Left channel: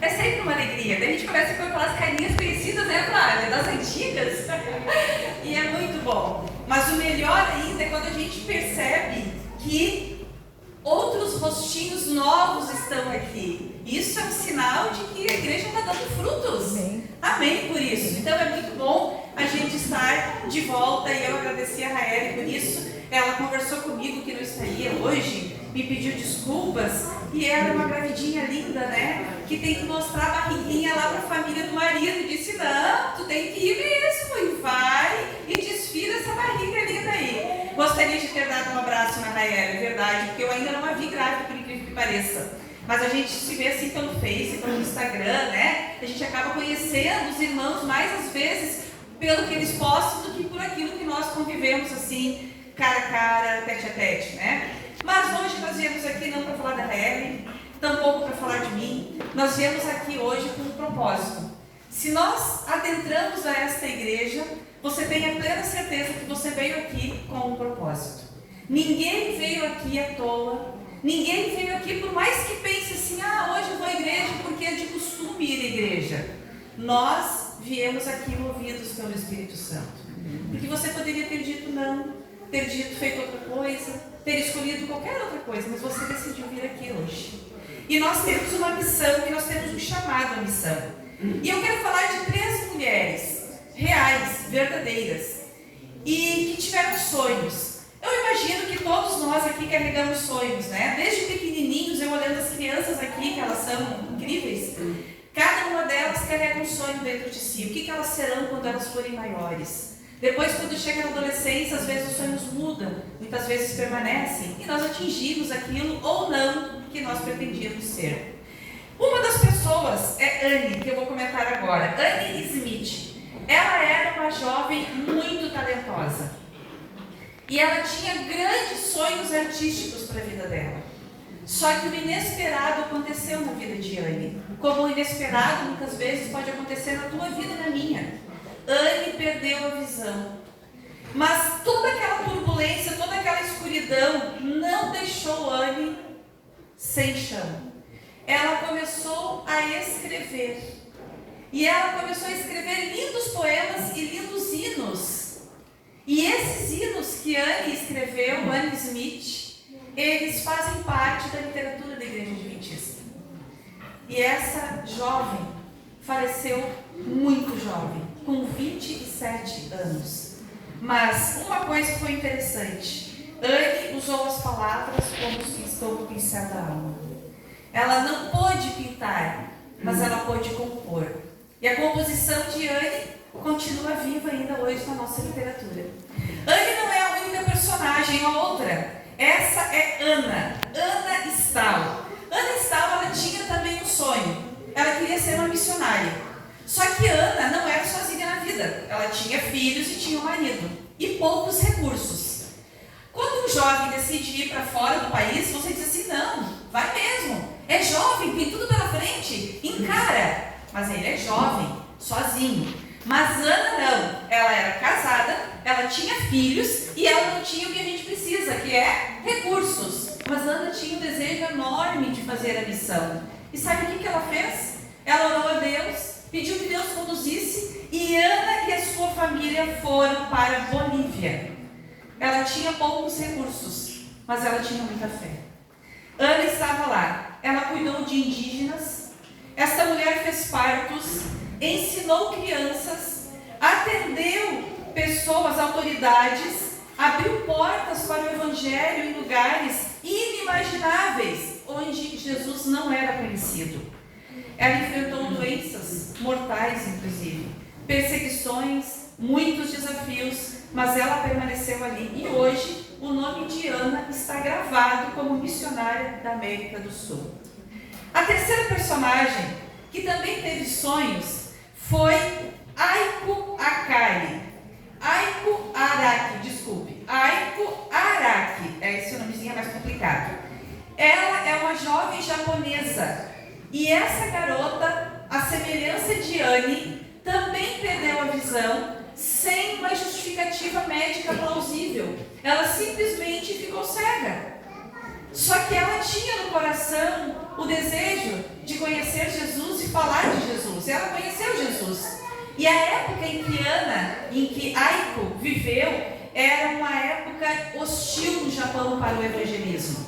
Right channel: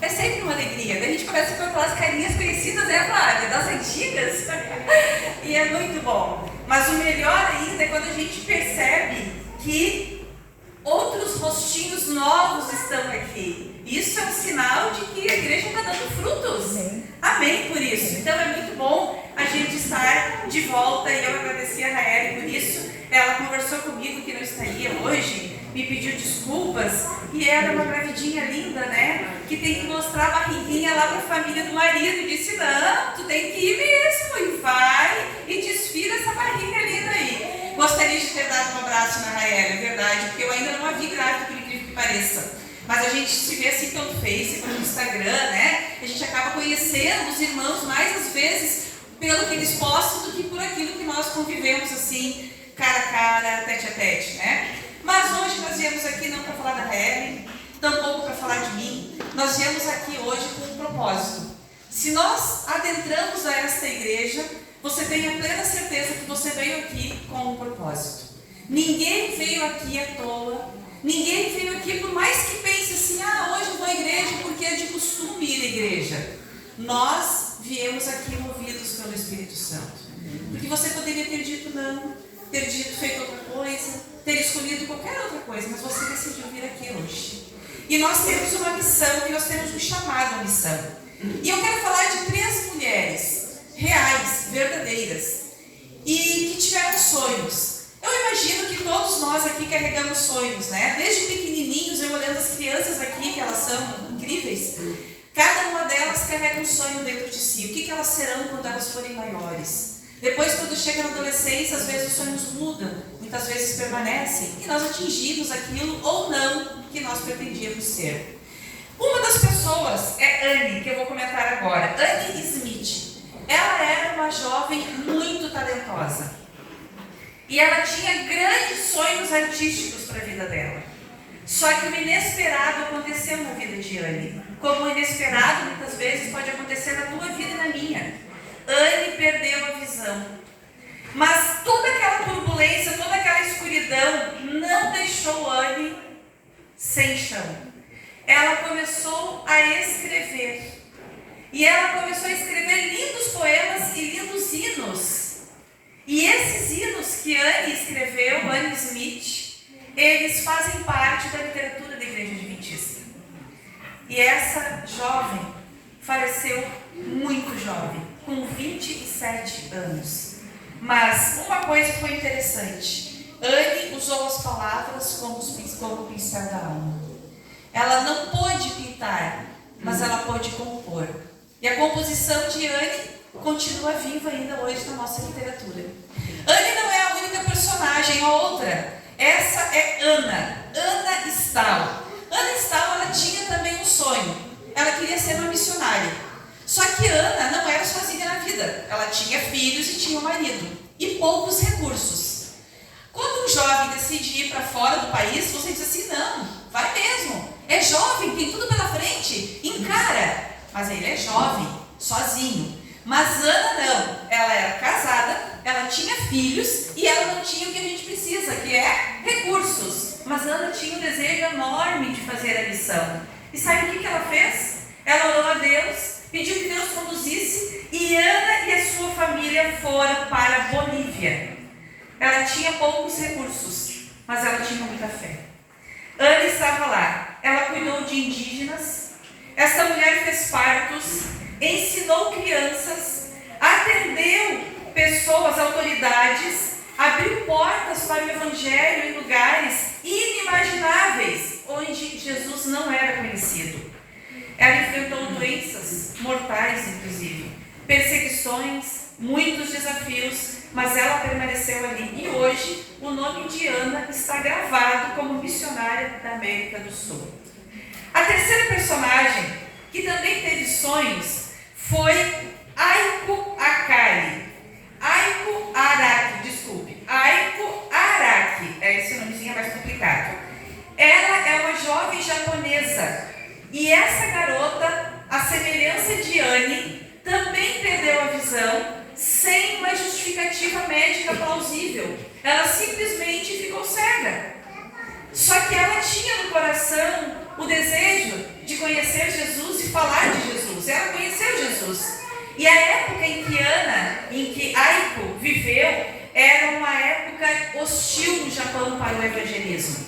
É sempre uma alegria. Daí a gente começa com aquelas carinhas conhecidas, né, Flávia? Das antigas. E é muito bom. Mas o melhor ainda é quando a gente percebe que outros rostinhos novos estão aqui. Isso é um sinal de que a igreja está dando frutos. Amém por isso. Então é muito bom a gente estar de volta e eu agradeci a Raeli por isso. Ela conversou comigo que não estaria hoje, me pediu desculpas e era uma gravidinha linda, né? Que tem que mostrar a barriguinha lá para a família do marido. Disse, não, tu tem que ir mesmo e vai e desfila essa barriga linda aí. Gostaria de ter dado um abraço na Raeli, é verdade, porque eu ainda não a vi grávida, por incrível que pareça. Mas a gente se vê assim pelo Face, pelo Instagram, né? A gente acaba conhecendo os irmãos mais às vezes pelo que eles postam do que por aquilo que nós convivemos assim, cara a cara, tete a tete, né? Mas hoje nós viemos aqui não para falar da Raeli, tampouco para falar de mim. Nós viemos aqui hoje com um propósito. Se nós adentramos a esta igreja, você tem a plena certeza que você veio aqui com um propósito. Ninguém veio aqui à toa. Ninguém veio aqui, por mais que pense assim, hoje eu vou à igreja porque é de costume ir à igreja. Nós viemos aqui movidos pelo Espírito Santo. Porque você poderia ter dito não, ter dito feito outra coisa, ter escolhido qualquer outra coisa, mas você decidiu vir aqui hoje. E nós temos uma missão, e nós temos um chamado à missão. E eu quero falar de 3 mulheres reais, verdadeiras, e que tiveram sonhos. Eu imagino que todos nós aqui carregamos sonhos, né? Desde pequenininhos, eu olhando as crianças aqui, que elas são incríveis, cada uma delas carrega um sonho dentro de si. O que elas serão quando elas forem maiores? Depois, quando chega na adolescência, às vezes os sonhos mudam, muitas vezes permanecem, e nós atingimos aquilo ou não que nós pretendíamos ser. Uma das pessoas é Anne, que eu vou comentar agora. Anne Smith. Ela era uma jovem muito talentosa. E ela tinha grandes sonhos artísticos para a vida dela. Só que o inesperado aconteceu na vida de Anne. Como o inesperado muitas vezes pode acontecer na tua vida e na minha. Anne perdeu a visão. Mas toda aquela turbulência, toda aquela escuridão não deixou Anne sem chão. Ela começou a escrever. E ela começou a escrever lindos poemas e lindos hinos. E esses hinos que Anne escreveu, Anne Smith, eles fazem parte da literatura da Igreja Adventista. E essa jovem faleceu muito jovem, com 27 anos. Mas uma coisa foi interessante. Anne usou as palavras como pincel da alma. Ela não pôde pintar, mas ela pôde compor. E a composição de Anne continua viva ainda hoje na nossa literatura. Anne não é a única personagem, outra. Essa é Ana Stahl. Ana Stahl, ela tinha também um sonho. Ela queria ser uma missionária. Só que Ana não era sozinha na vida. Ela tinha filhos e tinha um marido. E poucos recursos. Quando um jovem decide ir para fora do país, você diz assim, não, vai mesmo. É jovem, tem tudo pela frente, encara. Mas ele é jovem, sozinho. Mas Ana não, ela era casada, ela tinha filhos e ela não tinha o que a gente precisa, que é recursos. Mas Ana tinha um desejo enorme de fazer a missão. E sabe o que ela fez? Ela orou a Deus, pediu que Deus conduzisse e Ana e a sua família foram para a Bolívia. Ela tinha poucos recursos, mas ela tinha muita fé. Ana estava lá, ela cuidou de indígenas, essa mulher fez partos, ensinou crianças, atendeu pessoas, autoridades, abriu portas para o Evangelho em lugares inimagináveis, onde Jesus não era conhecido. Ela enfrentou doenças mortais, inclusive, perseguições, muitos desafios, mas ela permaneceu ali. E hoje, o nome de Ana está gravado como missionária da América do Sul. A terceira personagem, que também teve sonhos, foi Aiko Araki, esse nomezinho é mais complicado. Ela é uma jovem japonesa e essa garota, a semelhança de Anne, também perdeu a visão sem uma justificativa médica plausível. Ela simplesmente ficou cega. Só que ela tinha no coração o desejo de conhecer E a época em que Aiko viveu era uma época hostil no Japão para o evangelismo.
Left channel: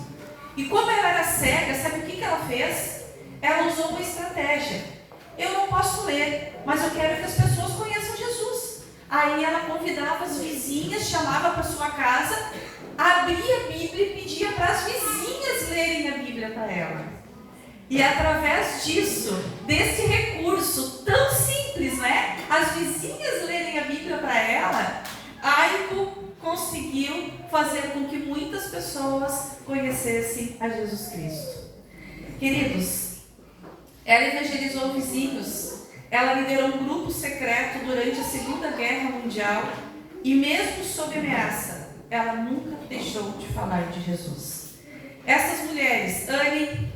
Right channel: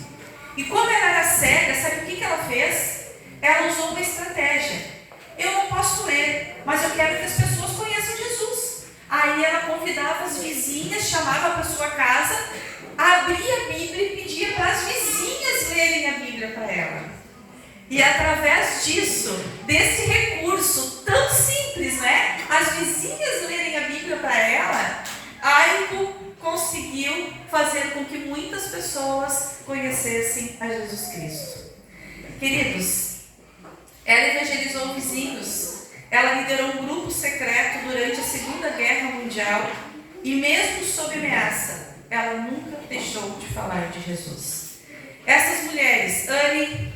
E como ela era cega, sabe o que ela fez? Ela usou uma estratégia. Eu não posso ler, mas eu quero que as pessoas conheçam Jesus. Aí ela convidava as vizinhas, chamava para sua casa, abria a Bíblia e pedia para as vizinhas lerem a Bíblia para ela. E através disso, desse recurso tão simples, né? As vizinhas lerem a Bíblia para ela, Aiko conseguiu fazer com que muitas pessoas conhecessem a Jesus Cristo. Queridos, ela evangelizou vizinhos, ela liderou um grupo secreto durante a Segunda Guerra Mundial e mesmo sob ameaça, ela nunca deixou de falar de Jesus. Essas mulheres, Anne,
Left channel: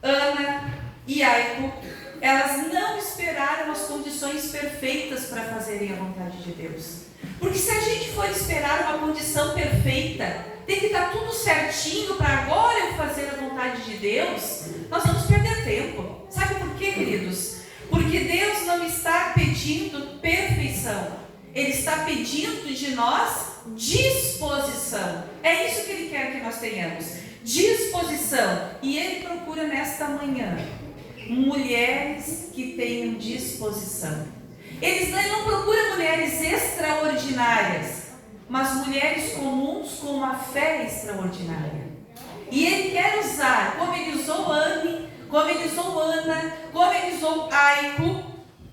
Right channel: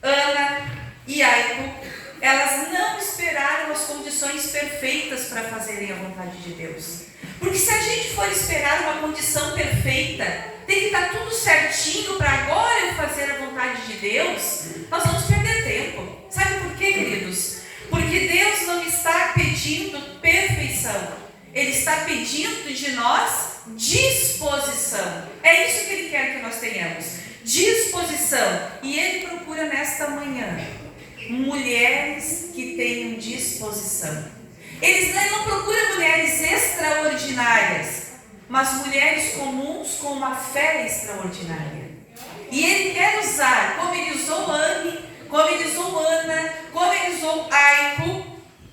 Ana e Aiko, elas não esperaram as condições perfeitas para fazerem a vontade de Deus. Porque se a gente for esperar uma condição perfeita, tem que estar tudo certinho para agora eu fazer a vontade de Deus, nós vamos perder tempo. Sabe por quê, queridos? Porque Deus não está pedindo perfeição. Ele está pedindo de nós disposição. É isso que Ele quer que nós tenhamos. Disposição. E Ele procura nesta manhã mulheres que tenham disposição. Ele não procura mulheres extraordinárias, mas mulheres comuns com uma fé extraordinária. E Ele quer usar, como Ele usou Anne, como Ele usou Ana, como Ele usou Aiko,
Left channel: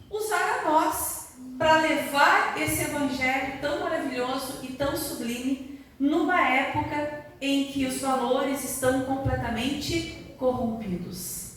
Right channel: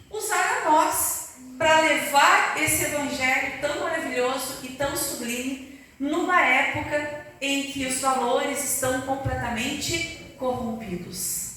usar a nós para levar esse evangelho tão maravilhoso e tão sublime numa época em que os valores estão completamente corrompidos.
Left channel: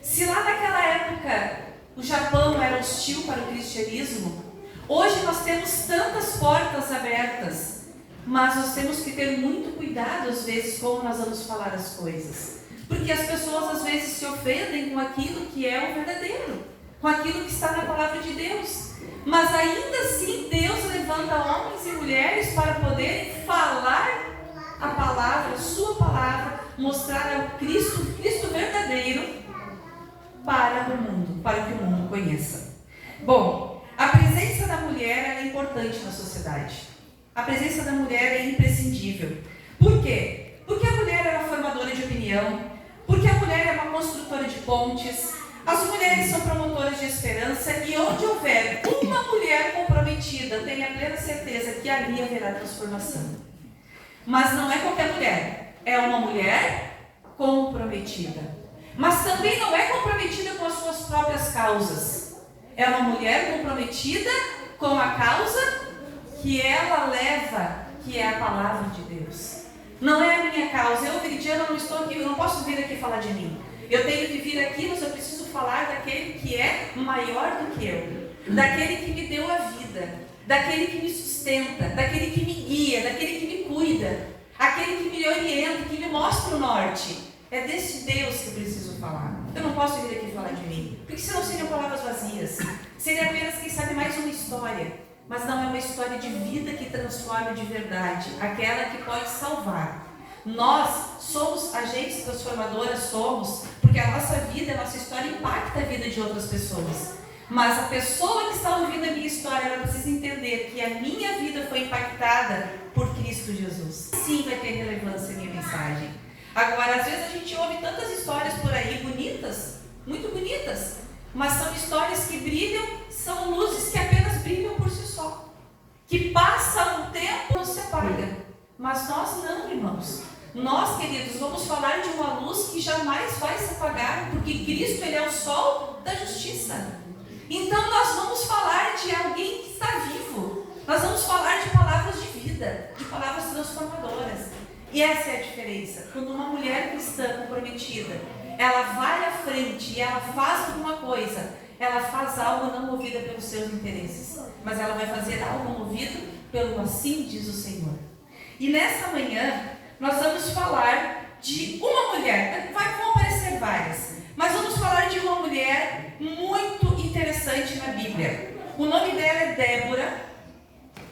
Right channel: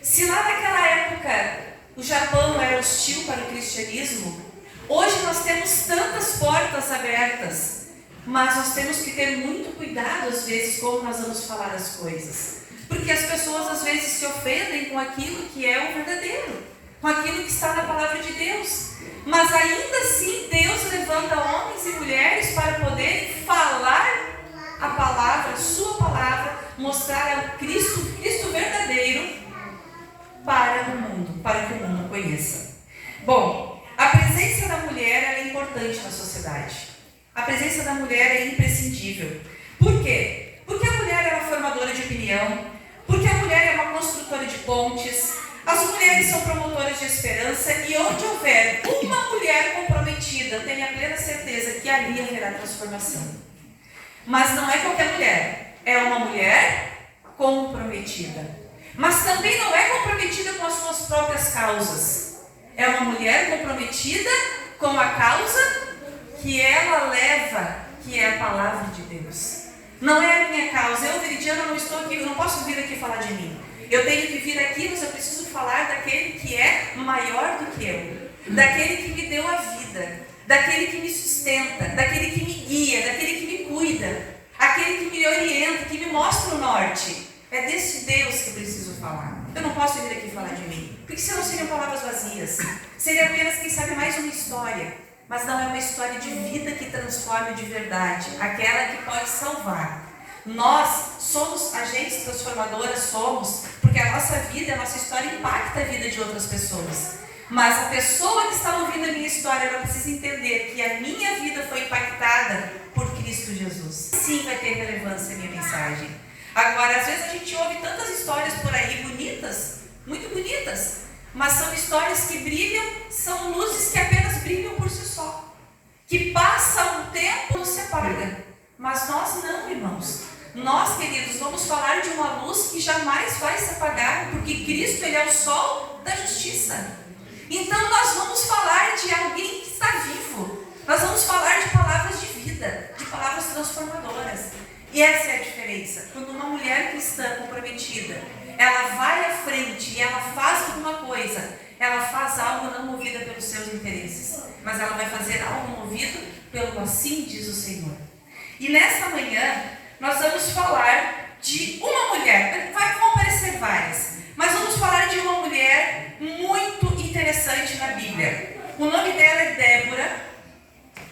Se lá naquela época o Japão era hostil para o cristianismo, hoje nós temos tantas portas abertas, mas nós temos que ter muito cuidado às vezes como nós vamos falar as coisas, porque as pessoas às vezes se ofendem com aquilo que é o verdadeiro, com aquilo que está na palavra de Deus, mas ainda assim Deus levanta homens e mulheres para poderem falar a palavra, a sua palavra, mostrar o Cristo verdadeiro para o mundo, para que o mundo conheça. Bom, a presença da mulher é importante na sociedade. A presença da mulher é imprescindível. Por quê? Porque a mulher é uma formadora de opinião, porque a mulher é uma construtora de pontes, as mulheres são promotoras de esperança e onde houver uma mulher comprometida, tenha plena certeza que ali haverá transformação. Mas não é qualquer mulher, é uma mulher comprometida. Mas também não é comprometida com as suas próprias causas. É uma mulher comprometida com a causa que ela leva, que é a palavra de Deus. Não é a minha causa. Eu, Veridiana, não estou aqui, eu não posso vir aqui falar de mim. Eu tenho que vir aqui, mas eu preciso falar daquele que é maior do que eu. Daquele que me deu a vida. Daquele que me sustenta. Daquele que me guia. Daquele que me cuida. Aquele que me orienta, que me mostra o norte. É desse Deus que eu preciso falar. Eu não posso vir aqui falar de mim, porque senão seriam palavras vazias. Seria apenas, quem sabe, mais uma história. Mas não é uma história de vida que transforma de verdade, aquela que pode salvar. Nós somos agentes transformadoras, porque a nossa vida, a nossa história impacta a vida de outras pessoas. Mas a pessoa que está ouvindo a minha história, ela precisa entender que a minha vida foi impactada por Cristo Jesus. Sim, vai ter relevância a minha mensagem. Agora, às vezes a gente ouve tantas histórias por aí, bonitas, muito bonitas, mas são histórias que brilham, são luzes que apenas brilham por si só, que passa um tempo e não se apaga. Mas nós não, irmãos. Nós, queridos, vamos falar de uma luz que jamais vai se apagar, porque Cristo, Ele é o sol da justiça. Então nós vamos falar de alguém que está vivo, nós vamos falar de palavras de vida, de palavras transformadoras. E essa é a diferença. Quando uma mulher cristã comprometida, ela vai à frente e ela faz alguma coisa, ela faz algo não movida pelos seus interesses, mas ela vai fazer algo movido pelo assim diz o Senhor. E nesta manhã, nós vamos falar de uma mulher, vão aparecer várias, mas vamos falar de uma mulher muito interessante na Bíblia. O nome dela é Débora,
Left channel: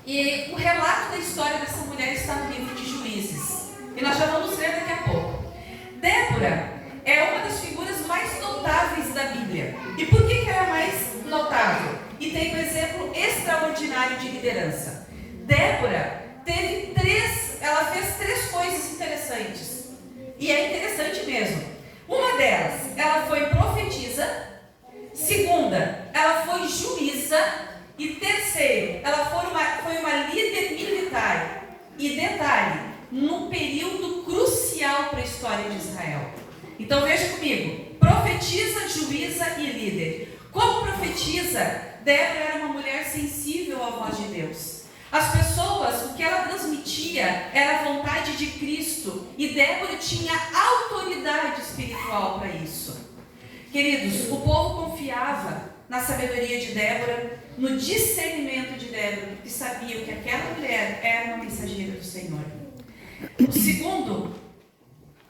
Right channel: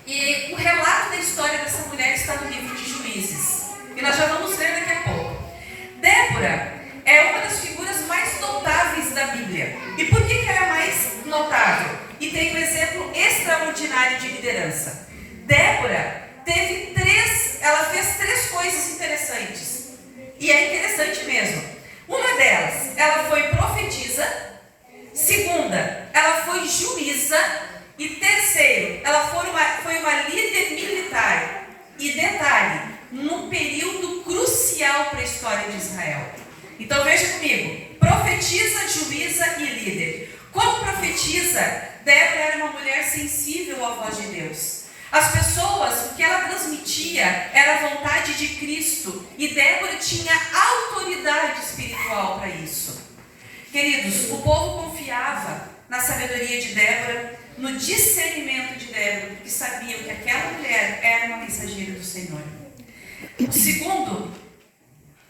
e o relato da história dessa mulher está no livro de Juízes. E nós já vamos ler daqui a pouco. Débora é uma das figuras mais notáveis da Bíblia. E por que ela é mais notável? E tem um exemplo extraordinário de liderança. Débora ela fez 3 coisas interessantes. E é interessante mesmo. Uma delas, ela foi profetisa. Segunda, ela foi juíza. E terceiro, ela foi uma líder militar. E detalhe, num período crucial para a história de Israel. Então veja comigo, profetisa, juíza e líder. Como profetisa, Débora era uma mulher sensível à voz de Deus. As pessoas, o que ela transmitia era a vontade de Cristo. E Débora tinha autoridade espiritual para isso. Queridos, o povo confiava na sabedoria de Débora, no discernimento de Débora, porque sabiam que aquela mulher era uma mensageira do Senhor.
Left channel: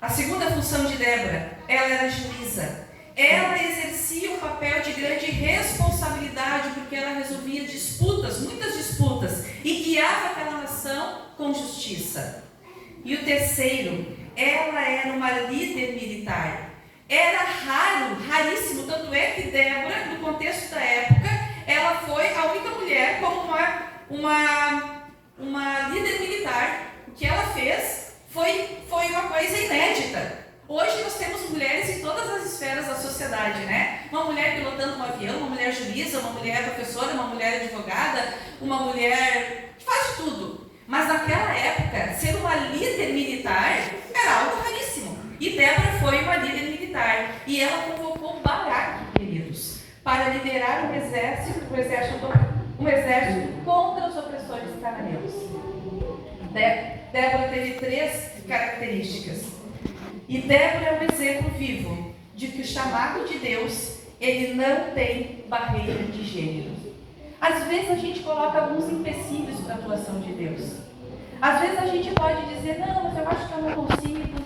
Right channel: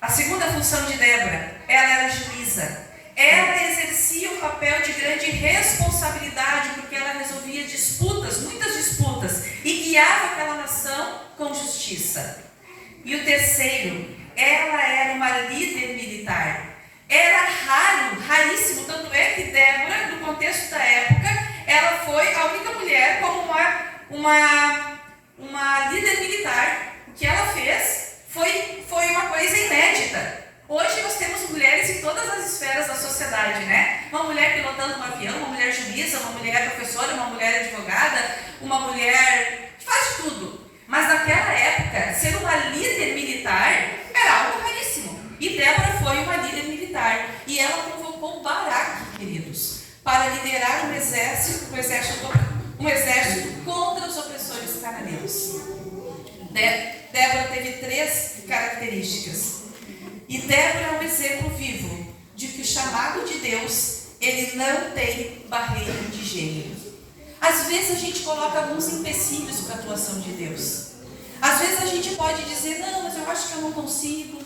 A segunda função de Débora, ela era juíza. Ela exercia um papel de grande responsabilidade, porque ela resolvia disputas, muitas disputas, e guiava aquela nação com justiça. E o terceiro, ela era uma líder militar. Era raríssimo, tanto é que Débora, no contexto da época, ela foi a única mulher como uma líder militar. O que ela fez foi uma coisa inédita. Hoje nós temos mulheres em todas as esferas da sociedade, né? Uma mulher pilotando um avião, uma mulher juíza, uma mulher professora, uma mulher advogada, uma mulher que faz de tudo. Mas naquela época, ser uma líder militar era algo raríssimo. E Débora foi uma líder militar. E ela convocou Baraque, queridos, para liderar um exército contra os opressores cananeus. Débora teve 3 características. E Débora é um exemplo vivo de que o chamado de Deus, ele não tem barreira de gênero. Às vezes a gente coloca alguns empecilhos para a atuação de Deus. Às vezes a gente pode dizer, não, mas eu acho que eu não consigo.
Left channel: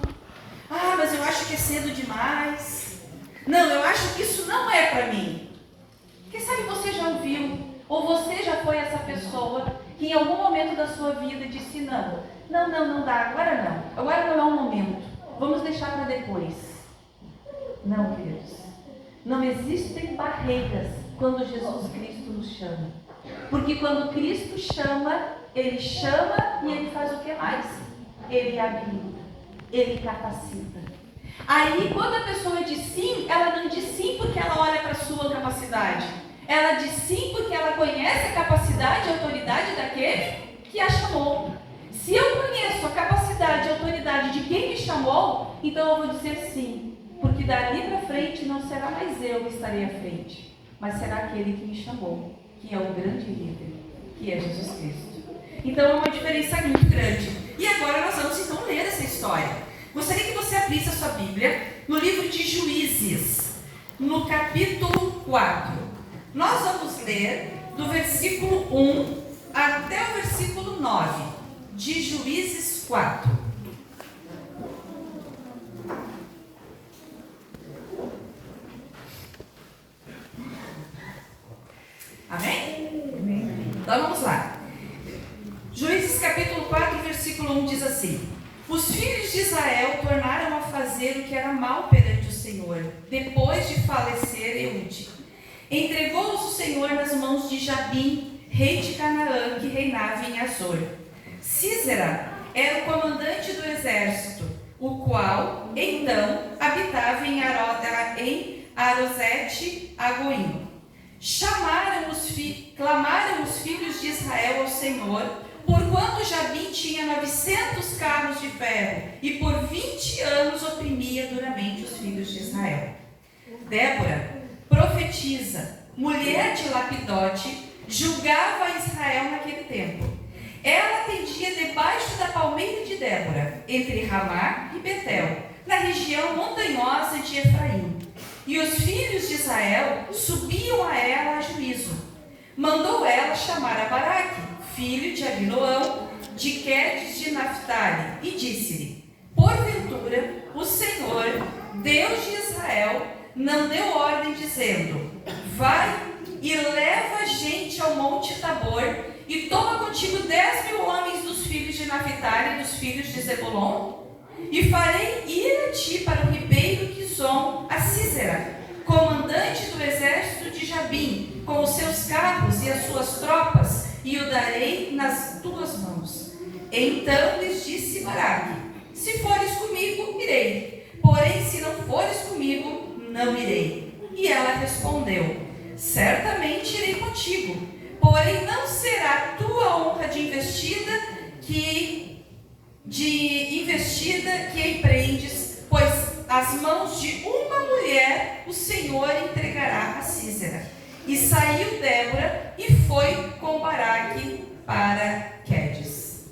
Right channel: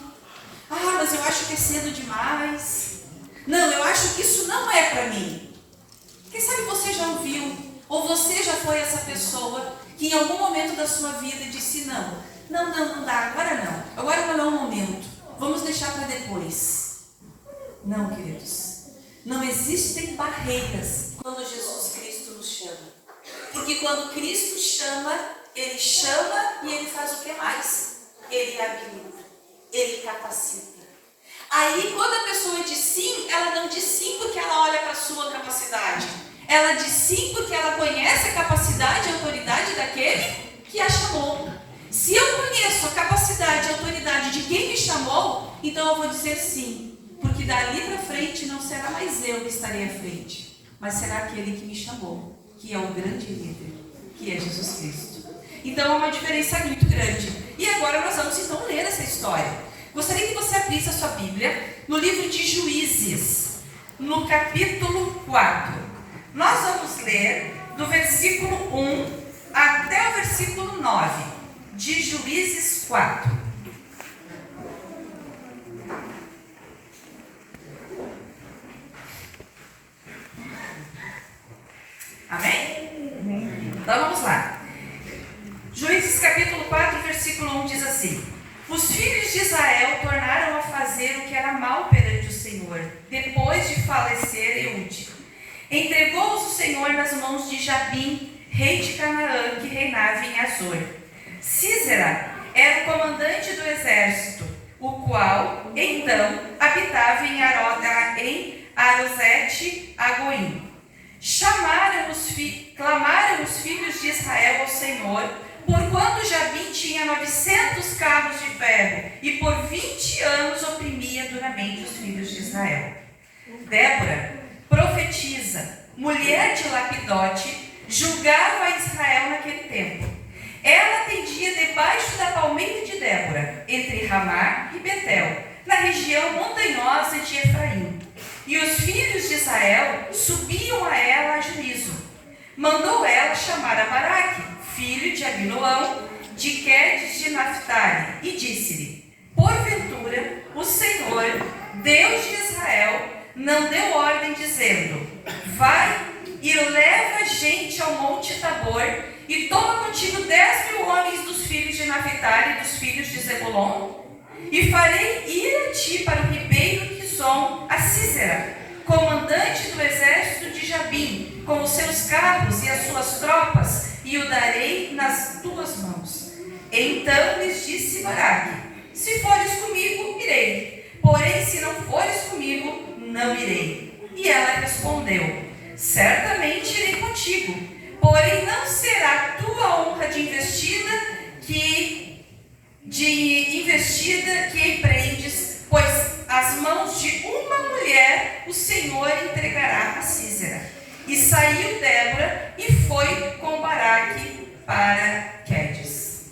Ah, mas eu acho que é cedo demais. Não, eu acho que isso não é para mim. Quem sabe você já ouviu, ou você já foi essa pessoa que em algum momento da sua vida disse, não dá, agora não é o momento. Vamos deixar para depois. Não, queridos. Não existem barreiras quando Jesus Cristo nos chama. Porque quando Cristo chama e Ele faz o que mais? Ele habilita, Ele capacita. Aí, quando a pessoa diz sim, ela não diz sim porque ela olha para a sua capacidade. Ela diz sim porque ela conhece a capacidade e a autoridade daquele que a chamou. Se eu conheço a capacidade e a autoridade de quem me chamou, então eu vou dizer sim, porque dali para frente não será mais eu que estarei à frente, mas será aquele que me chamou, que é o grande líder, que é Jesus Cristo. Então é uma diferença muito grande. E agora nós vamos então ler essa história. Gostaria que você abrisse a sua Bíblia no livro de Juízes, no capítulo 4. Nós vamos ler do versículo 1 até o versículo 9. De Juízes 4. Amém? Então vamos lá. Juízes capítulo 4, versículo 1 diz assim: Os filhos de Israel tornaram a fazer o que era mal perante o Senhor, depois de falecer Eude. Entregou-os o Senhor nas mãos de Jabim, rei de Canaã, que reinava em Azor. Sísera era o comandante do exército, o qual, então, habitava em Arosete-Agoim. Clamaram os filhos de Israel ao Senhor, porquanto Jabim tinha 900 carros de ferro, e por 20 anos oprimia duramente os filhos de Israel. Débora, profetisa, mulher de Lapidote, julgava Israel naquele tempo. Ela atendia debaixo da palmeira de Débora, entre Ramá e Betel, na região montanhosa de Efraim. E os filhos de Israel subiam a ela a juízo. Mandou ela chamar a Baraque, filho de Abiloão, de Quedes de Naphtali, e disse-lhe: Porventura, o Senhor, Deus de Israel, não deu ordem dizendo: Vai e leva gente ao monte Tabor, e toma contigo 10.000 homens dos filhos de Naphtali e dos filhos de Zebulon? E farei ir a ti para o ribeiro Quizon, a Sísera, comandante do exército de Jabim, com os seus carros e as suas tropas, e o darei nas tuas mãos. Então lhes disse Baraque: se fores comigo, irei, porém se não fores comigo, não irei. E ela respondeu: certamente irei contigo, porém não será tua honra de investida que empreendes, pois as mãos de uma mulher o Senhor entregará a Sísera. E saiu Débora e foi com Baraque para Quedes.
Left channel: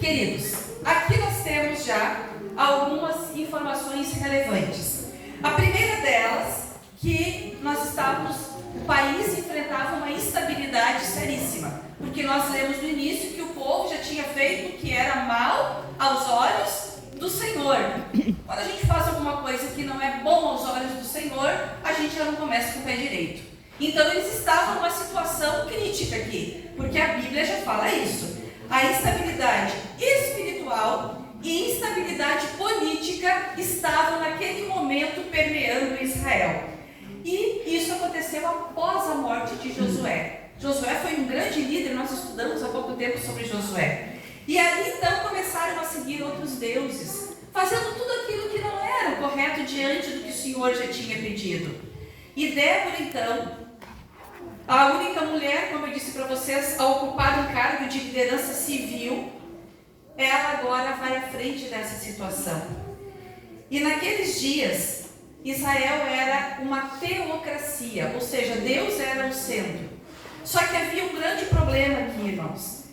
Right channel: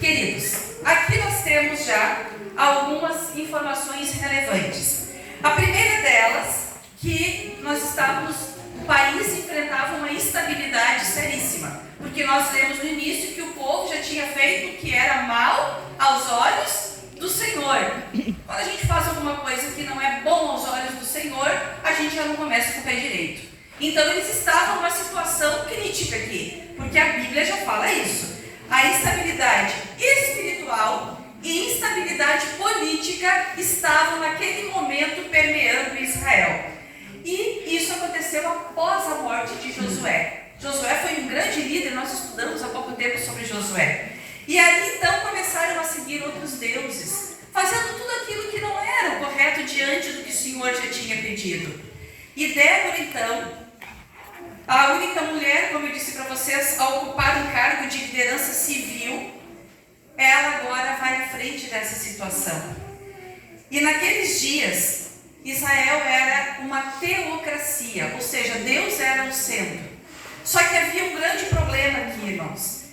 Queridos, aqui nós temos já algumas informações relevantes. A primeira delas, que o país enfrentava uma instabilidade seríssima, porque nós lemos no início que o povo já tinha feito o que era mal aos olhos do Senhor. Quando a gente faz alguma coisa que não é bom aos olhos do Senhor, a gente já não começa com o pé direito. Então eles estavam numa situação crítica aqui, porque a Bíblia já fala isso. A instabilidade espiritual e instabilidade política estavam naquele momento permeando Israel. E isso aconteceu após a morte de Josué. Josué foi um grande líder, nós estudamos há pouco tempo sobre Josué. E ali então começaram a seguir outros deuses, fazendo tudo aquilo que não era o correto diante do que o Senhor já tinha pedido. E Débora então, a única mulher, como eu disse para vocês, a ocupar um cargo de liderança civil, ela agora vai à frente dessa situação. E naqueles dias, Israel era uma teocracia, ou seja, Deus era o centro. Só que havia um grande problema aqui, irmãos.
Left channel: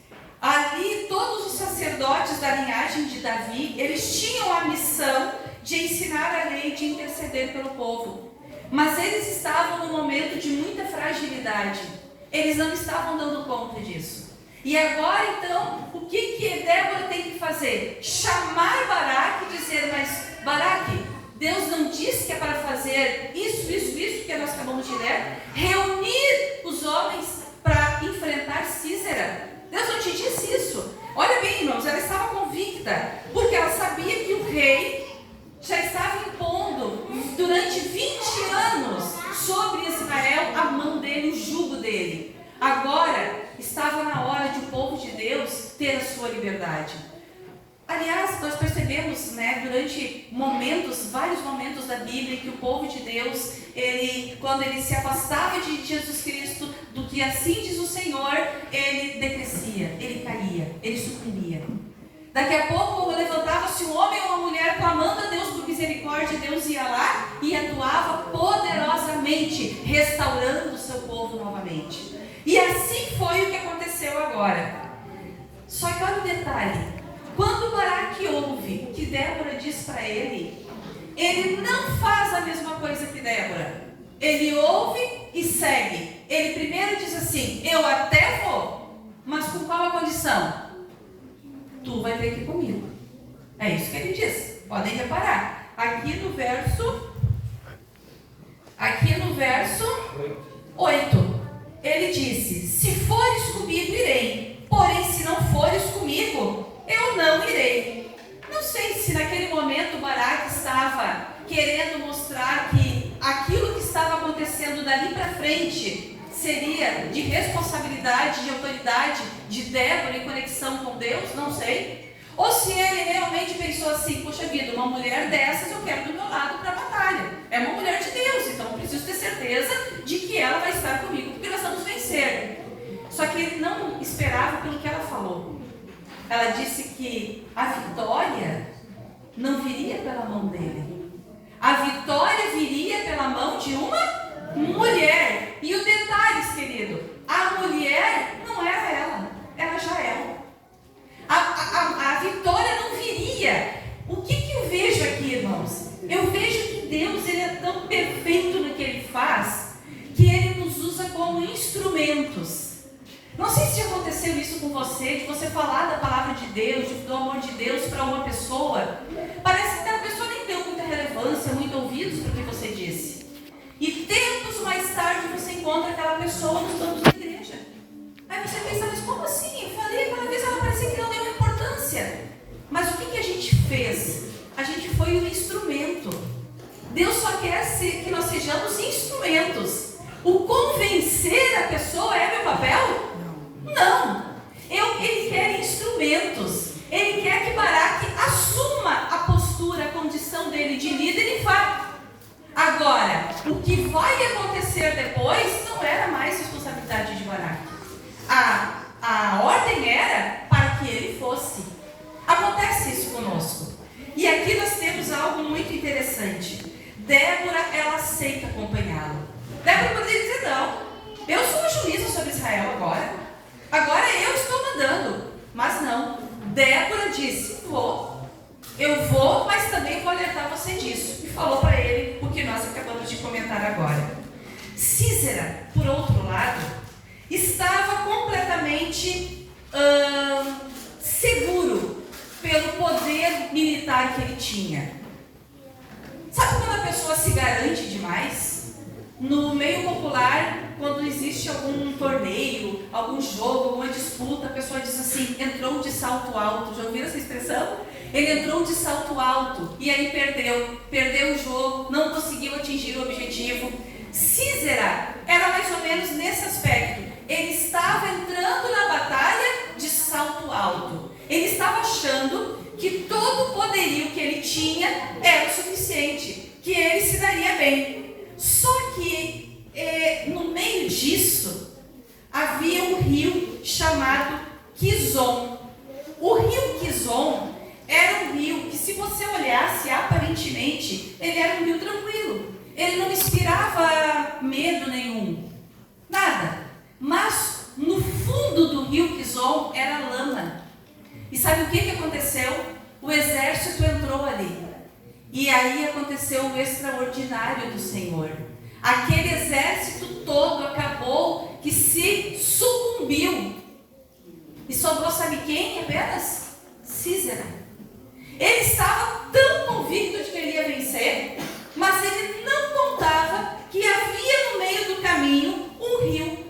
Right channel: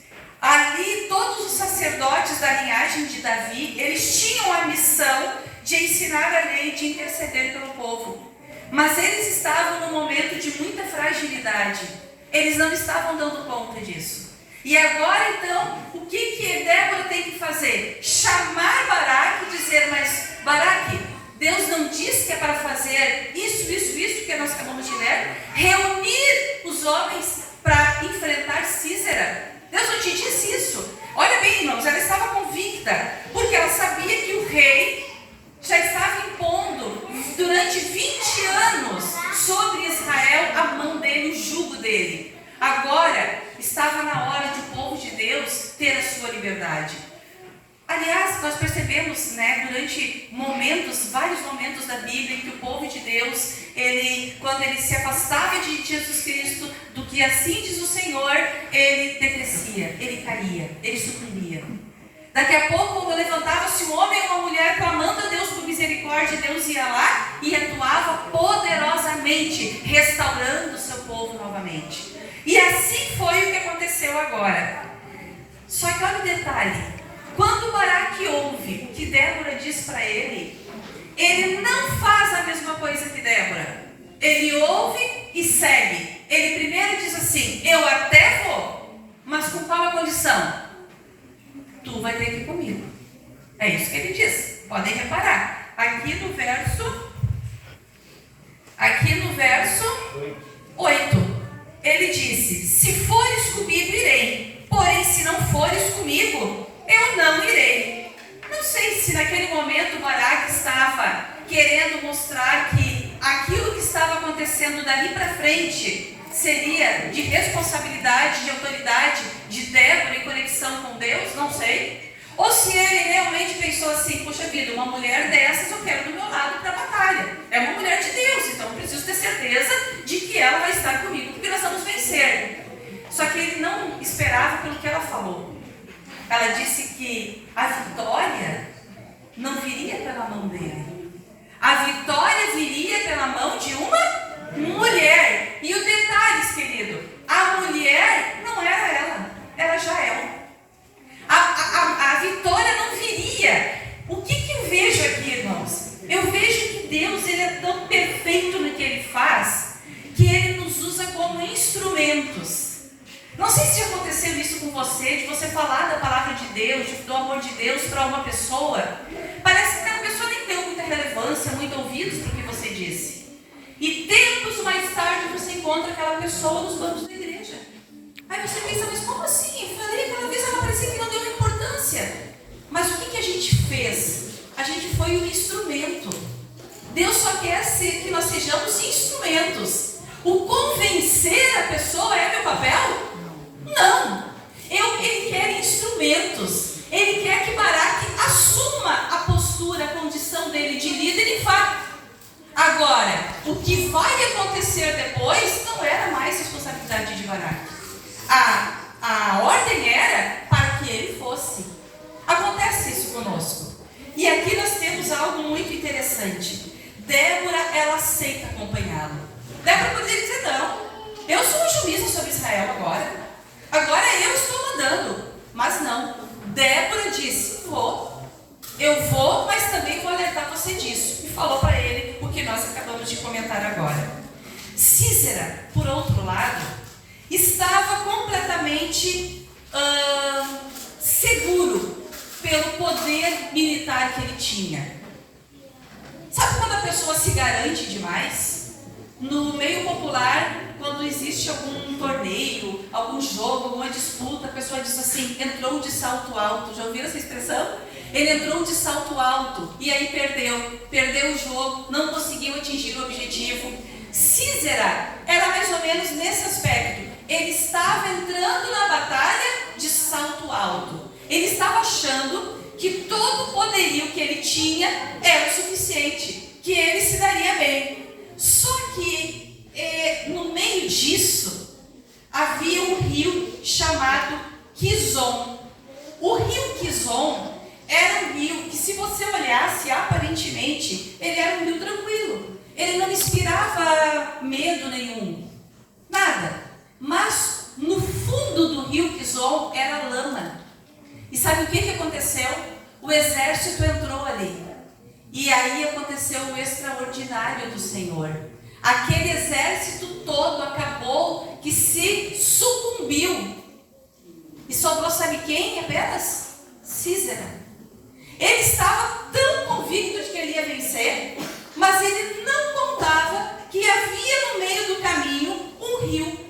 Ali, todos os sacerdotes da linhagem de Davi, eles tinham a missão de ensinar a lei, de interceder pelo povo. Mas eles estavam num momento de muita fragilidade. Eles não estavam dando conta disso. E agora, então, o que Débora tem que fazer? Chamar Baraque e dizer: mas Baraque, Deus não disse que é para fazer isso que nós acabamos de ler? Reunir os homens para enfrentar Sísera. Deus não te disse isso. Olha bem, irmãos, ela estava convicta, porque ela sabia que o rei já estava impondo durante 20 anos sobre Israel a mão dele, o jugo dele. Agora estava na hora de o povo de Deus ter a sua liberdade. Aliás, nós percebemos, durante vários momentos da Bíblia, que o povo de Deus, quando ele se afastava de Jesus Cristo, do que assim diz o Senhor, ele decrescia, ele caía, ele sucumbia. Daqui a pouco levantava-se um homem ou uma mulher clamando a Deus por misericórdia, Deus ia lá e atuava poderosamente, restaurando o seu povo novamente. E assim foi o que aconteceu agora. Só que olha o detalhe. Quando Baraque ouve o que Débora diz para ele, ele não faz a mesma coisa que Débora. Ele ouve e segue. Ele primeiro diz assim: eu até vou, mas com qual a condição? Tu vai ter que ir comigo. É isso que ele diz. Podem reparar. Aqui no verso 8, ele disse: se fores comigo, irei. Porém, se não fores comigo, eu não irei. Não sei se naquele momento Baraque estava querendo mostrar que aquilo que estava acontecendo dali para frente seria de responsabilidade, de autoridade de Débora em conexão com Deus, não sei. Ou se ele realmente pensou assim: puxa vida, uma mulher dessas eu quero do meu lado para a batalha. É uma mulher de Deus, então eu preciso ter certeza de que ela vai estar comigo, porque nós vamos vencer. Só que ele não esperava pelo que ela falou. Ela disse que a vitória não viria pela mão dele. A vitória viria pela mão de uma mulher. E o detalhe, querido, a mulher não era ela já era. A vitória não viria. O que eu vejo aqui, irmãos? Eu vejo que Deus, ele é tão perfeito no que ele faz, que ele nos usa como instrumentos. Não sei se aconteceu isso com você, de você falar da palavra de Deus, do amor de Deus para uma pessoa. Parece que aquela pessoa nem deu muita relevância, muito ouvidos para o que você disse. E tempos mais tarde você encontra aquela pessoa nos bancos da igreja. Aí você pensa: mas como assim? Eu falei aquela vez, ela parecia que não deu importância. Mas o que a gente fez? A gente foi um instrumento. Deus só quer que nós sejamos instrumentos. O convencer a pessoa é meu papel? Não! Ele quer instrumentos. Ele quer que Baraque assuma a postura, a condição dele de líder e vá. Agora, o que vai acontecer depois não era mais responsabilidade de Baraque. A ordem era para que ele fosse. Acontece isso conosco. E aqui nós temos algo muito interessante. Débora, ela aceita acompanhá-lo. Débora poderia dizer, não, eu sou um juízo sobre Israel agora. Agora eu estou mandando. Mas não. Débora disse, eu vou, mas também vou alertar você disso. E falou para ele o que nós acabamos de comentar agora. Císera, por outro lado, estava completamente seguro pelo poder militar que ele tinha. Sabe quando a pessoa se garante demais? No meio popular, quando existe algum torneio, algum jogo, alguma disputa, a pessoa diz assim, entrou de salto alto. Já ouviram essa expressão? Ele entrou de salto alto e aí perdeu o jogo, não conseguiu atingir o objetivo. Císera era mais ou menos nesse aspecto. Ele estava entrando na batalha de salto alto. Ele estava achando que todo o poderio que ele tinha era o suficiente, que ele se daria bem. Só que no meio disso havia um rio chamado Quizon. O rio Quizon era um rio que, se você olhasse, aparentemente, ele era um rio tranquilo. Ele não inspirava medo nenhum, nada. Mas no fundo do rio Quizon era lama. E sabe o que aconteceu? O exército entrou ali. E aí aconteceu o extraordinário do Senhor. Aquele exército todo acabou que se sucumbiu. E sobrou, sabe quem apenas? Císera. Ele estava tão convicto de que ele ia vencer, mas ele não contava que havia no meio do caminho um rio.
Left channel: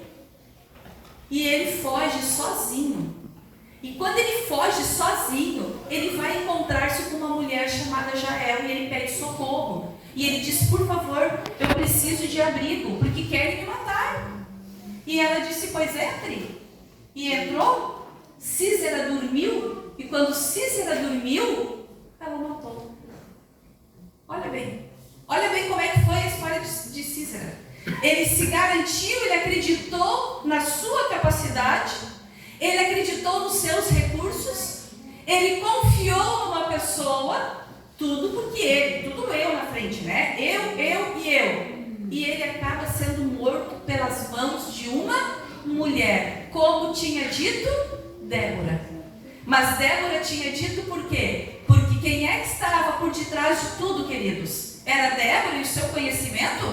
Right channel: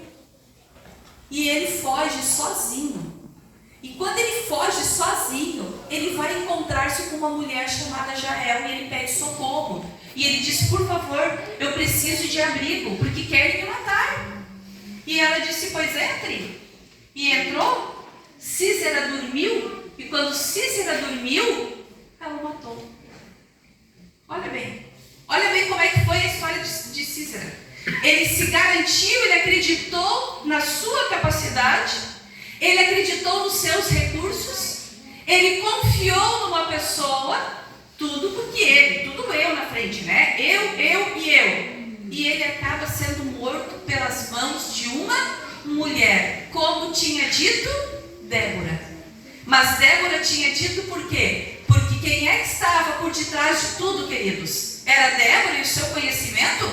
E ele foge sozinho. E quando ele foge sozinho, ele vai encontrar-se com uma mulher chamada Jael e ele pede socorro. E ele diz, por favor, eu preciso de abrigo, porque querem me matar. E ela disse, pois entre. E entrou, Císera dormiu, e quando Císera dormiu, ela matou. Olha bem como é que foi a história de Císera. Ele se garantiu, ele acreditou na sua capacidade, ele acreditou nos seus recursos, ele confiou numa pessoa, tudo eu na frente, né? Eu. E ele acaba sendo morto pelas mãos de uma mulher, como tinha dito Débora. Mas Débora tinha dito por quê? Porque quem é que estava por detrás de tudo, queridos? Era Débora e o seu conhecimento?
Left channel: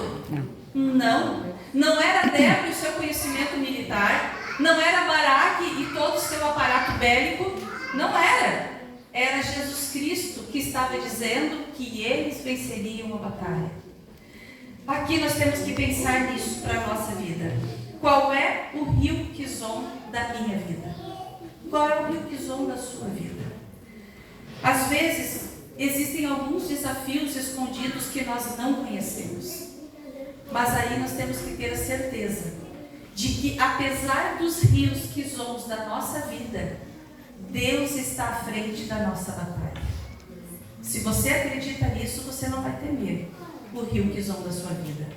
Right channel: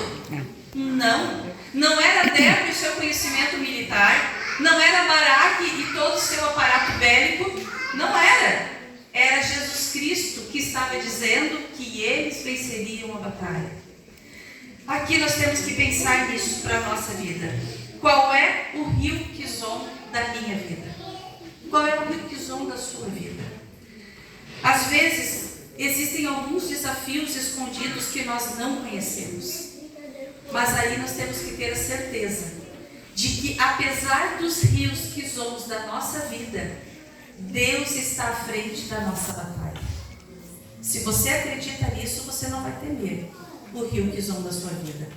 Não era Débora e o seu conhecimento militar. Não era Baraque e todo o seu aparato bélico. Não era. Era Jesus Cristo que estava dizendo que eles venceriam a batalha. Aqui nós temos que pensar nisso para a nossa vida. Qual é o rio Quizon da minha vida? Qual é o rio Quizon da sua vida? Às vezes, existem alguns desafios escondidos que nós não conhecemos. Mas aí nós temos que ter a certeza de que, apesar dos rios Quizons da nossa vida, Deus está à frente da nossa batalha. Se você acredita nisso, você não vai temer o rio Quizon da sua vida.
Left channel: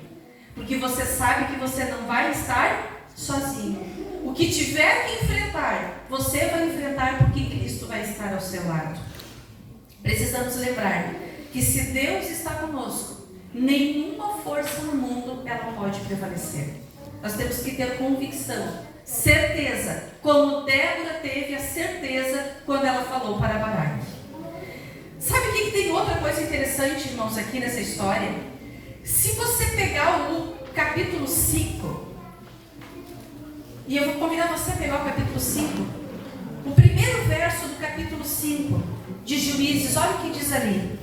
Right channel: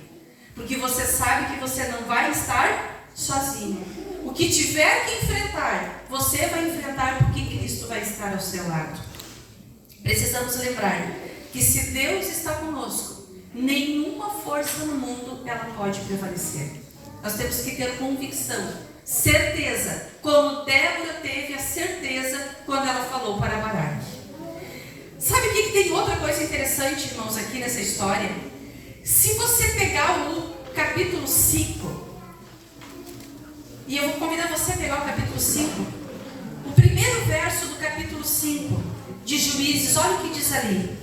Porque você sabe que você não vai estar sozinho. O que tiver que enfrentar, você vai enfrentar porque Cristo vai estar ao seu lado. Precisamos lembrar que se Deus está conosco, nenhuma força no mundo ela pode prevalecer. Nós temos que ter convicção, certeza, como Débora teve a certeza quando ela falou para Baraque. Sabe o que tem outra coisa interessante, irmãos, aqui nessa história? Se você pegar o capítulo 5, e eu vou convidar você a pegar o capítulo 5, o primeiro verso do capítulo 5 de Juízes, olha o que diz ali.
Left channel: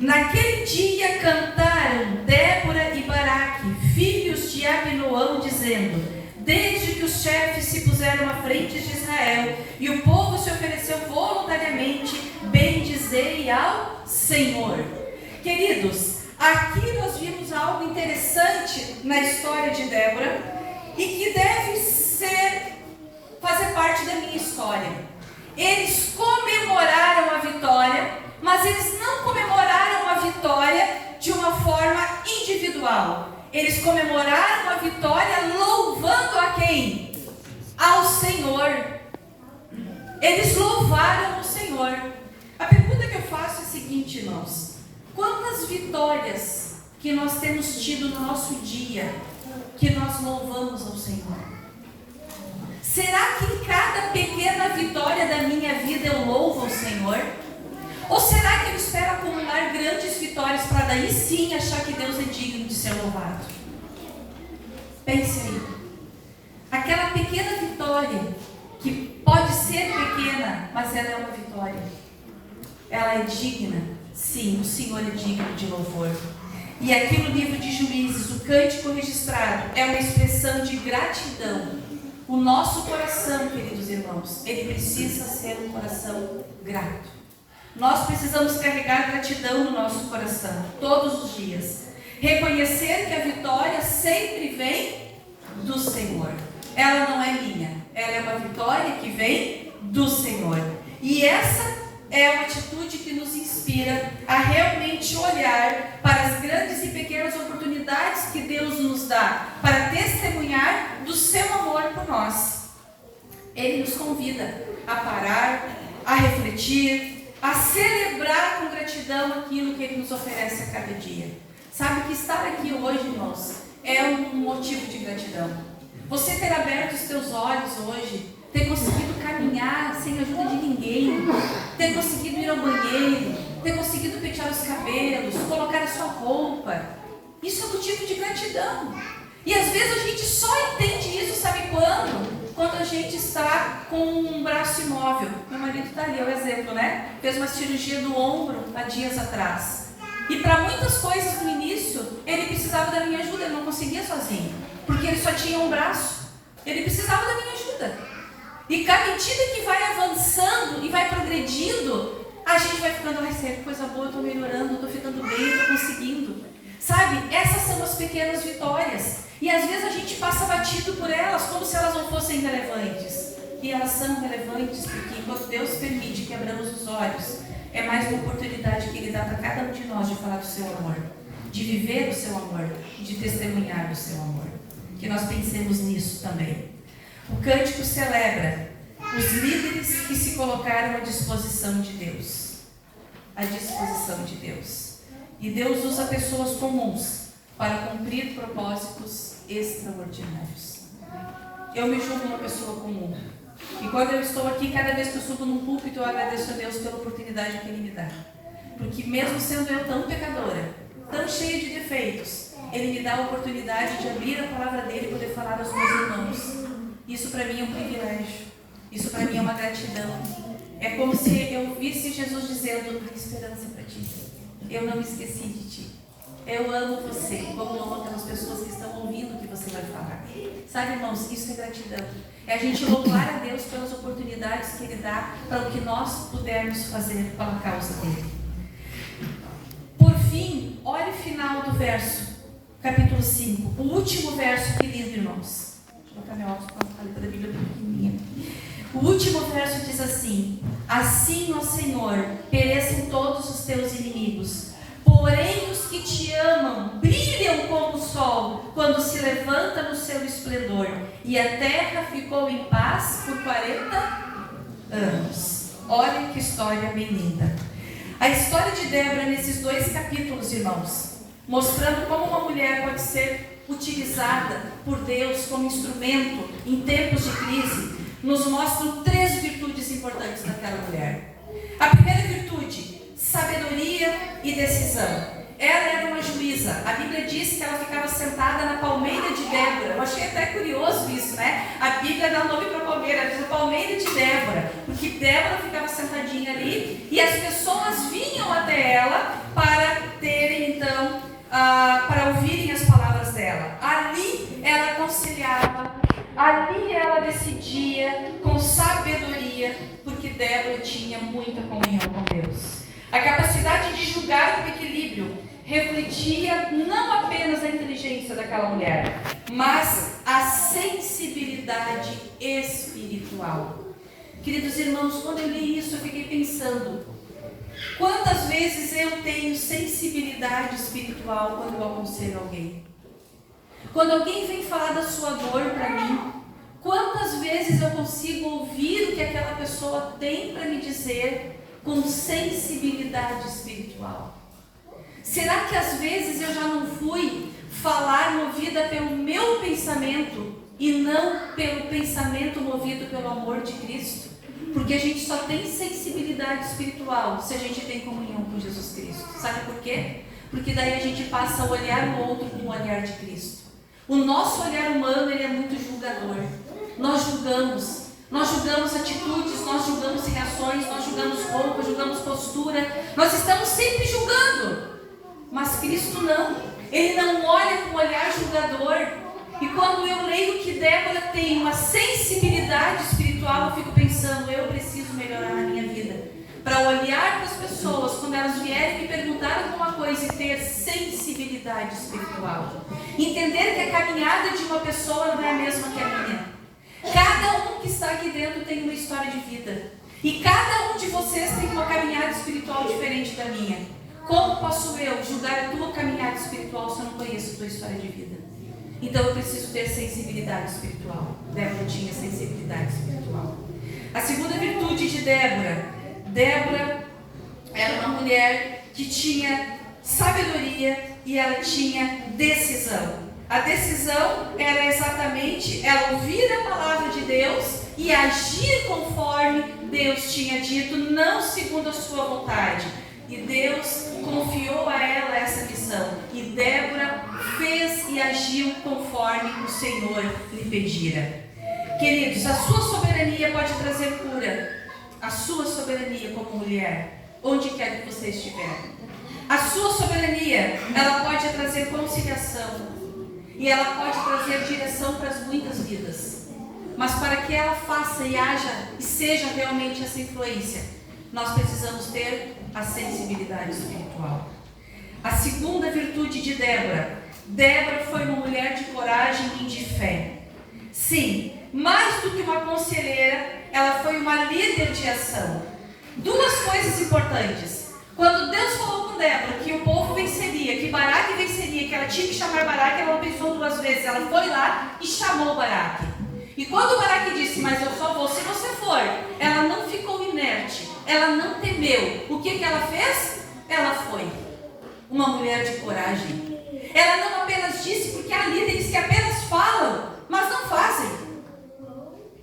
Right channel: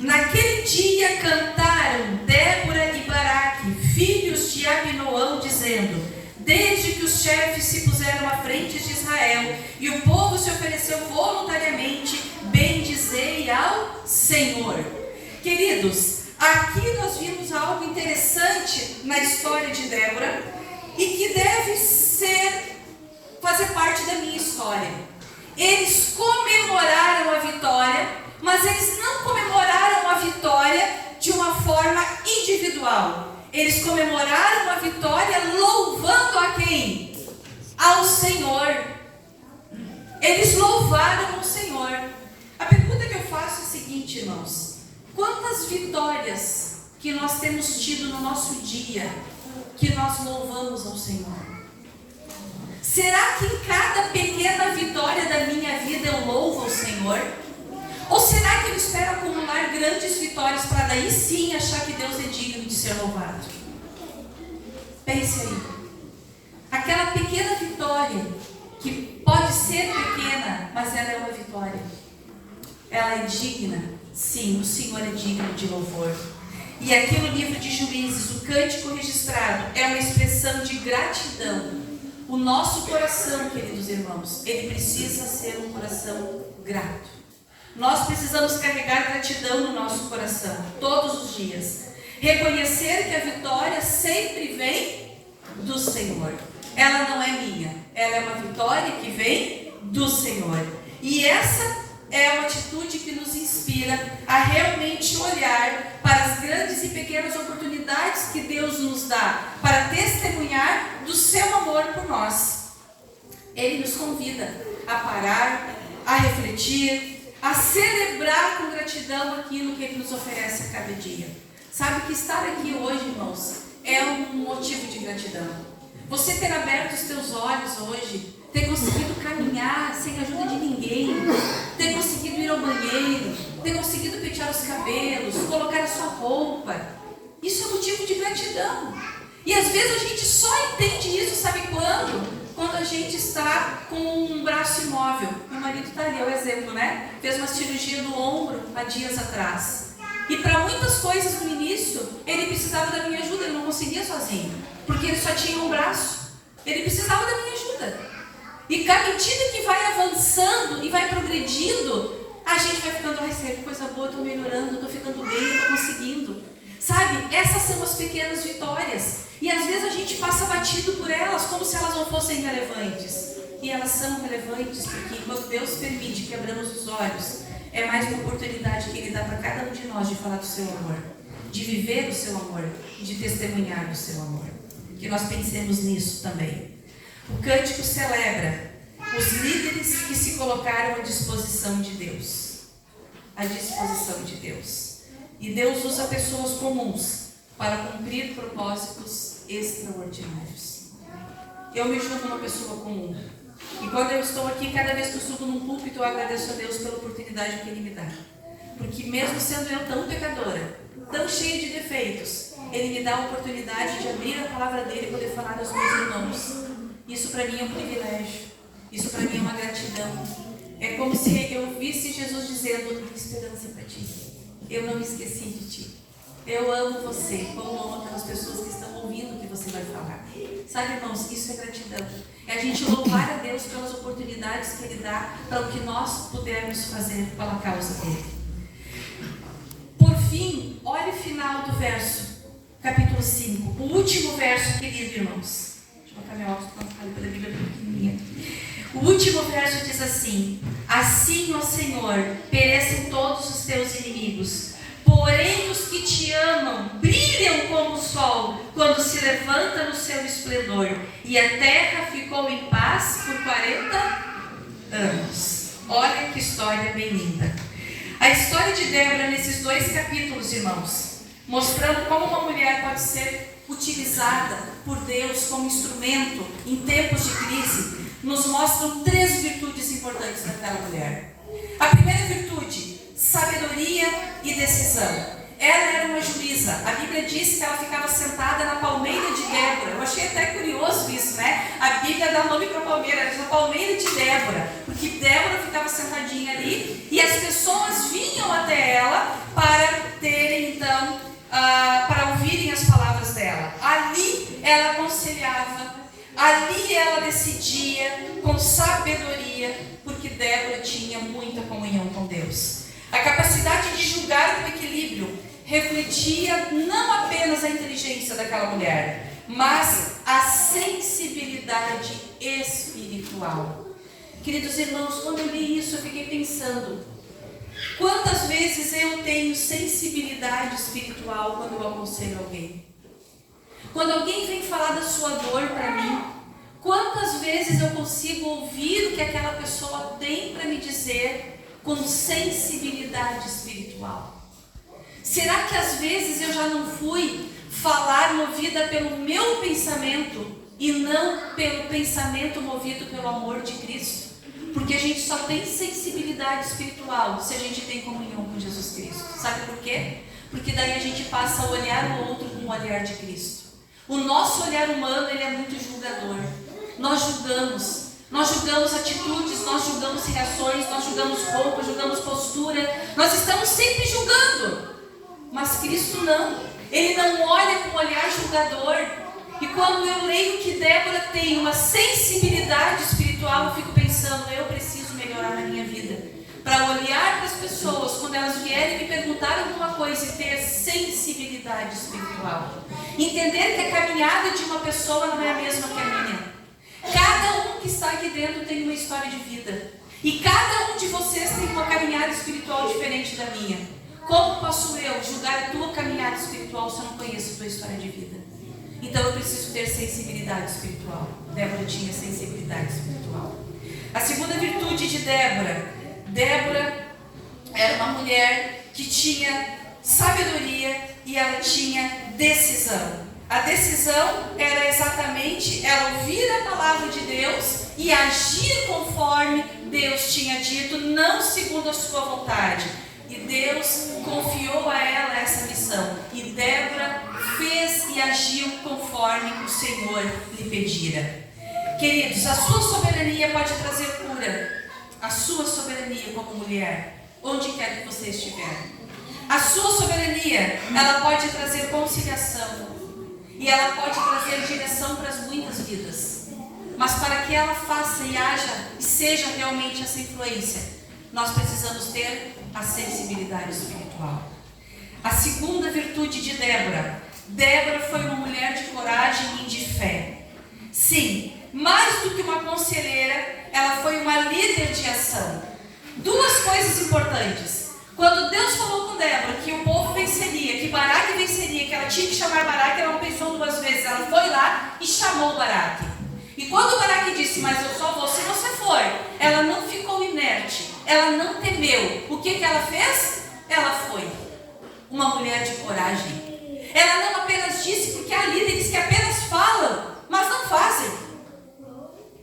Naquele dia cantaram Débora e Baraque, filhos de Abinoão, dizendo: desde que os chefes se puseram à frente de Israel e o povo se ofereceu voluntariamente, bendizei ao Senhor. Queridos, aqui nós vimos algo interessante na história de Débora e que deve ser fazer parte da minha história. Eles comemoraram a vitória, mas eles não comemoraram a vitória de uma forma individual. Eles comemoraram a vitória louvando a quem? Ao Senhor. Eles louvaram ao Senhor. A pergunta que eu faço é a seguinte, irmãos: quantas vitórias que nós temos tido no nosso dia que nós louvamos ao Senhor? Será que em cada pequena vitória da minha vida eu louvo ao Senhor? Ou será que eu espero acumular grandes vitórias para daí sim achar que Deus é digno de ser louvado? Pense aí. Aquela pequena vitória, que pode ser pequena, mas ela é uma vitória. Ela é digna? Sim, o Senhor é digno de louvor. E aqui no livro de Juízes, o cântico registrado é uma expressão de gratidão. O nosso coração, queridos irmãos, ele precisa ser um coração grato. Nós precisamos carregar gratidão no nosso coração, todos os dias. Reconhecer que a vitória sempre vem do Senhor. Ela não é minha, ela é uma vitória que vem do Senhor. E essa é uma atitude que nos inspira a realmente olhar para as grandes e pequenas oportunidades que Deus nos dá para testemunhar do seu amor por nós. Ele nos convida a parar, a refletir, a celebrar com gratidão aquilo que Ele nos oferece a cada dia. Sabe que estar aqui hoje, irmãos, é um motivo de gratidão. Você ter aberto os teus olhos hoje, ter conseguido caminhar sem ajuda de ninguém, ter conseguido ir ao banheiro, ter conseguido pentear os cabelos, colocar a sua roupa, isso é motivo de gratidão. E às vezes a gente só entende isso, sabe quando? Quando a gente está com um braço imóvel. Meu marido está ali, é o exemplo, né? Fez uma cirurgia do ombro há dias atrás. E para muitas coisas no início, ele precisava da minha ajuda, ele não conseguia sozinho, porque ele só tinha um braço. Ele precisava da minha ajuda. E à medida que vai avançando e vai progredindo, a gente vai ficando, ai, sério, coisa boa, eu estou melhorando, eu estou ficando bem, eu estou conseguindo. Sabe, essas são as pequenas vitórias. E às vezes a gente passa batido por elas, como se elas não fossem relevantes. E elas são relevantes porque quando Deus permite que abramos os olhos, é mais uma oportunidade que Ele dá para cada um de nós de falar do seu amor, de viver o seu amor, de testemunhar o seu amor. Que nós pensemos nisso também. O cântico celebra os líderes que se colocaram à disposição de Deus. À disposição de Deus. E Deus usa pessoas comuns para cumprir propósitos extraordinários. Eu me julgo uma pessoa comum. E quando eu estou aqui, cada vez que eu subo num púlpito, eu agradeço a Deus pela oportunidade que Ele me dá. Porque mesmo sendo eu tão pecadora, tão cheia de defeitos, Ele me dá a oportunidade de abrir a palavra dEle e poder falar aos meus irmãos. Isso para mim é um privilégio. Isso para mim é uma gratidão. É como se eu visse Jesus dizendo, há esperança para ti. Eu não me esqueci de ti. Eu amo você, como amo aquelas pessoas que estão ouvindo o que você vai falar. Sabe, irmãos, isso é gratidão. É a gente louvar a Deus pelas oportunidades que Ele dá para o que nós pudermos fazer pela causa dEle. Por fim, olhe o final do verso, capítulo 5. O último verso, querido, irmãos. Deixa eu colocar minha óculos para a Bíblia pequenininha. O último verso diz assim: assim, ó Senhor, perecem todos os teus inimigos, porém os que te amam brilham como o sol quando se levanta no seu esplendor. E a terra ficou em paz por 40 anos. Olha que história bem linda. A história de Débora nesses 2 capítulos, irmãos, mostrando como uma mulher pode ser utilizada por Deus como instrumento em tempos de crise, nos mostram 3 virtudes importantes daquela mulher. A primeira virtude, sabedoria e decisão. Ela era uma juíza. A Bíblia diz que ela ficava sentada na palmeira de Débora. Eu achei até curioso isso, né? A Bíblia dá nome para a palmeira, ela diz a palmeira de Débora, porque Débora ficava sentadinha ali e as pessoas vinham até ela para terem então, para ouvirem as palavras dela. Ali ela aconselhava, ali ela decidia com sabedoria, porque Débora tinha muita comunhão com Deus. A capacidade de julgar com equilíbrio refletia não apenas a inteligência daquela mulher, mas a sensibilidade espiritual. Queridos irmãos, quando eu li isso, eu fiquei pensando: quantas vezes eu tenho sensibilidade espiritual quando eu aconselho alguém? Quando alguém vem falar da sua dor para mim, quantas vezes eu consigo ouvir o que aquela pessoa tem para me dizer com sensibilidade espiritual? Será que às vezes eu já não fui falar movida pelo meu pensamento e não pelo pensamento movido pelo amor de Cristo? Porque a gente só tem sensibilidade espiritual se a gente tem comunhão com Jesus Cristo. Sabe por quê? Porque daí a gente passa a olhar o outro com o olhar de Cristo. O nosso olhar humano, ele é muito julgador. Nós julgamos atitudes, nós julgamos reações, nós julgamos roupa, julgamos postura. Nós estamos sempre julgando. Mas Cristo não. Ele não olha com um olhar julgador. E quando eu leio que Débora tem uma sensibilidade espiritual, eu fico pensando: eu preciso melhorar na minha vida. Para olhar para as pessoas, quando elas vierem me perguntar alguma coisa, e ter sensibilidade espiritual. Entender que a caminhada de uma pessoa não é a mesma que a minha. Cada um que está aqui dentro tem uma história de vida. E cada um de vocês tem uma caminhada espiritual diferente da minha. Como posso eu julgar a tua caminhada espiritual se eu não conheço a tua história de vida? Então eu preciso ter sensibilidade espiritual. Débora tinha sensibilidade espiritual. A segunda virtude de Débora era uma mulher que tinha sabedoria e ela tinha decisão. A decisão era exatamente ela ouvir a palavra de Deus e agir conforme Deus tinha dito, não segundo a sua vontade. E Deus confiou a ela essa missão. E Débora fez e agiu conforme o Senhor lhe pedira. Queridos, a sua soberania pode trazer cura. A sua soberania como mulher, onde quer que você estiver. A sua soberania, ela pode trazer conciliação. E ela pode trazer direção para as muitas vidas. Mas para que ela faça e haja e seja realmente essa influência, nós precisamos ter a sensibilidade espiritual. A segunda virtude de Débora foi uma mulher de coragem e de fé. Sim, mais do que uma conselheira, ela foi uma líder de ação. Duas coisas importantes. Quando Deus falou com Débora que o povo venceria, que Baraque venceria, que ela tinha que chamar Baraque, ela não pensou duas vezes. Ela foi lá e chamou Baraque. E quando o Baraque disse: mas eu só vou se você for, ela não ficou inerte. Ela não temeu. O que ela fez? Ela foi uma mulher de coragem. Ela não apenas disse, porque há líderes que apenas falam, mas não fazem.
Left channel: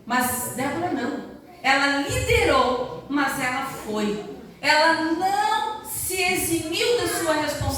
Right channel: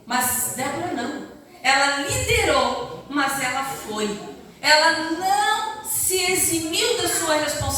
Mas Débora não. Ela liderou, mas ela foi. Ela não se eximiu da sua responsabilidade.